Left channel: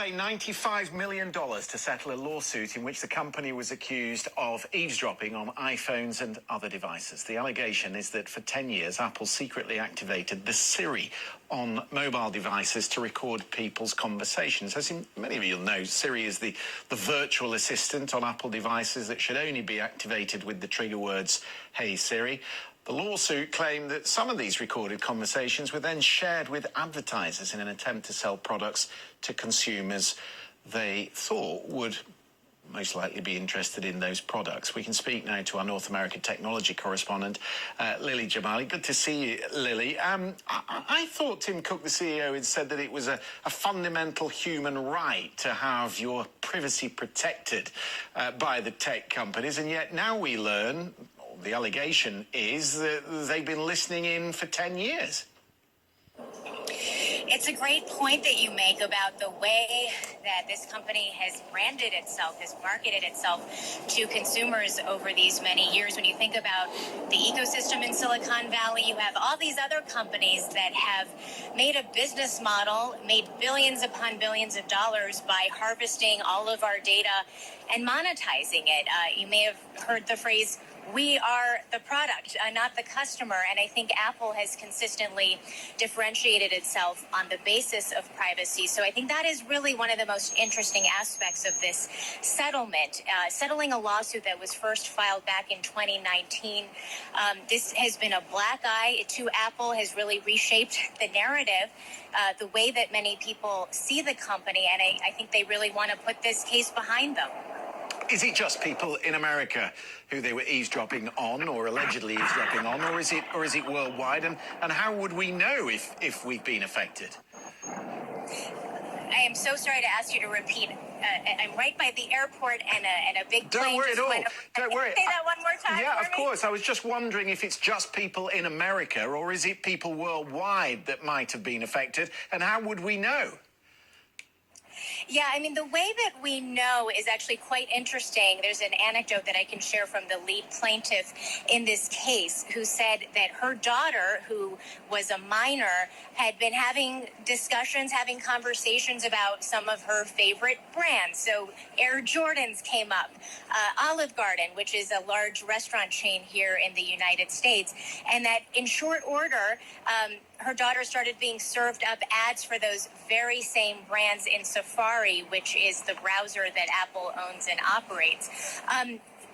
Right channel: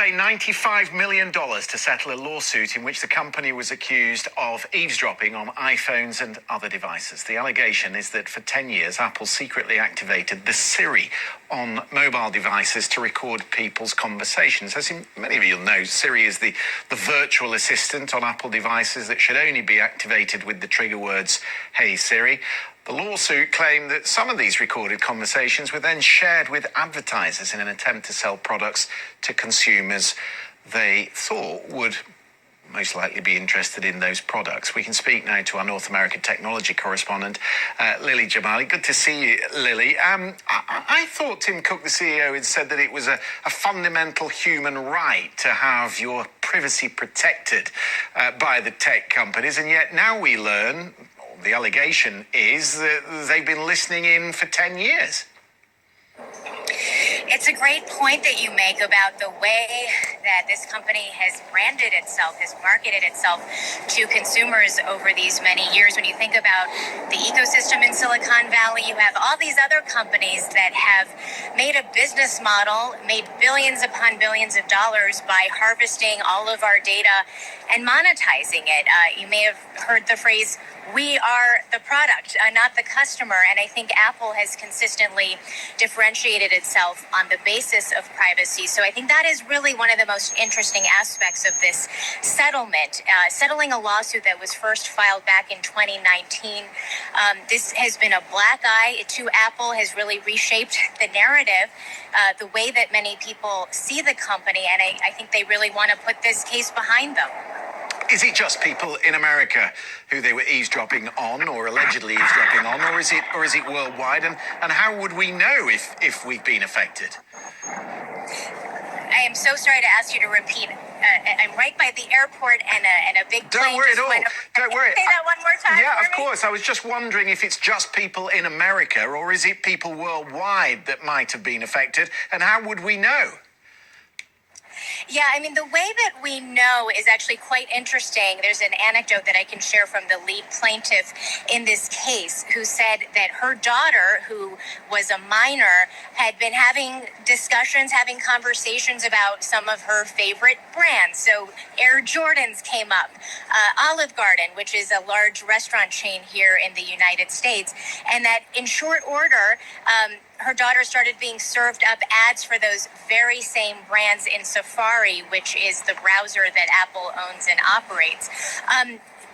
pay $95 million to settle a lawsuit in which the company was accused of eavesdropping on iPhones and other devices. The allegation is that for 10 years, Apple secretly activated the Siri on mobile devices to record people's conversations. As many of you will know, Siri is the virtual assistant on Apple devices that should only be activated with the trigger words, "Hey Siri." The lawsuit claimed that some of these recorded conversations were then shared with advertisers in an attempt to sell products to consumers they thought would most likely be interested in those products. We can speak now to our North American technology correspondent, Lily Jamali. Good to see you, Lily. I thought Tim Cook, the CEO, had said that it was a fundamental human right to have your privacy protected by the tech companies, and yet now we learn, the allegation is, that they've been listening in for 10 years. It's a great point that you make about the way that this company has branded itself, has marketed itself to consumers over these many years. When you think about the ecosystem in Silicon Valley, you have all these other companies that have made a business model, made billions upon billions of dollars by harvesting all of our data and monetizing it. You may have heard the phrase, "We are the product, not the customer." And I think Apple has consistently differentiated itself on the basis of privacy. So I think that is really one of the most interesting aspects of this settlement. Settling a lawsuit that was first filed back in 2019. This has been a black eye to Apple, has really reshaped the narrative, the way that many people see the company. And I think they really want to put this case behind them. Is it just people in America who they were eavesdropping on, or allegedly eavesdropping on, or is it worldwide? And how would we know if we've been affected? I am so sorry to ask you to repeat. I'm right by the airport, and a big plane. Don't worry at all. Don't worry. Say that one more time. Yeah, for of course. I was just wondering if it's just people in America, or is it people worldwide that might have been affected, and how would we know? Yeah, I mean, the way that we know is actually quite interesting. There's an anecdote that I can share from the lead plaintiff in this case, who said that her daughter, who was a minor, had been having discussions, having conversations about some of her favorite brands. So Air Jordans came up, Olive Garden, which is a large restaurant chain here in the United States, and that in short order, her daughter started being served up ads for those very same brands in Safari, which is the browser that Apple owns and operates.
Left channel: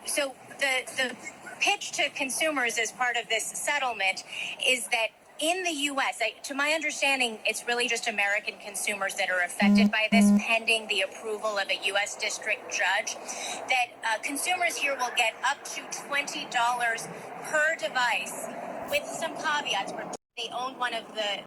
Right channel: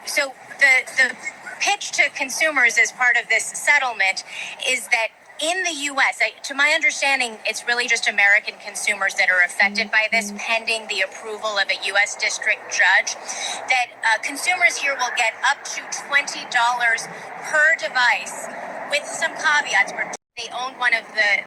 So the pitch to consumers as part of this settlement is that in the U.S., to my understanding, it's really just American consumers that are affected by this, pending the approval of a U.S. district judge, that consumers here will get up to $20 per device, with some caveats. They own one of the